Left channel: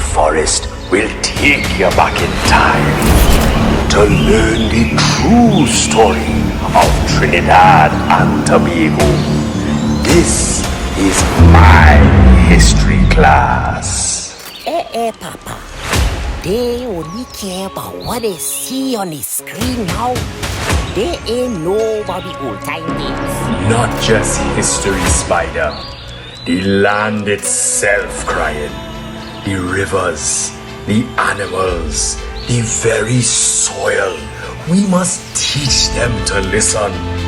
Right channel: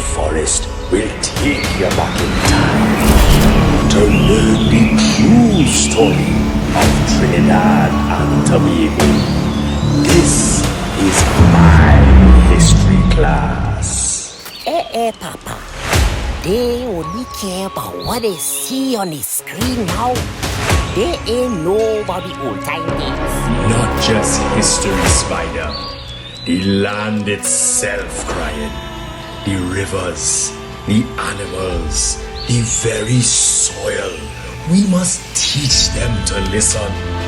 forest will take you back in time to learn the true story of Trinidad and Tobago. This is my history class. Papa. They only care about what they see on the screen now. They ain't know about the old time days. Not just history, Spider. The land itself crying. The rivers, the animals, the very soil. We must teach them to listen.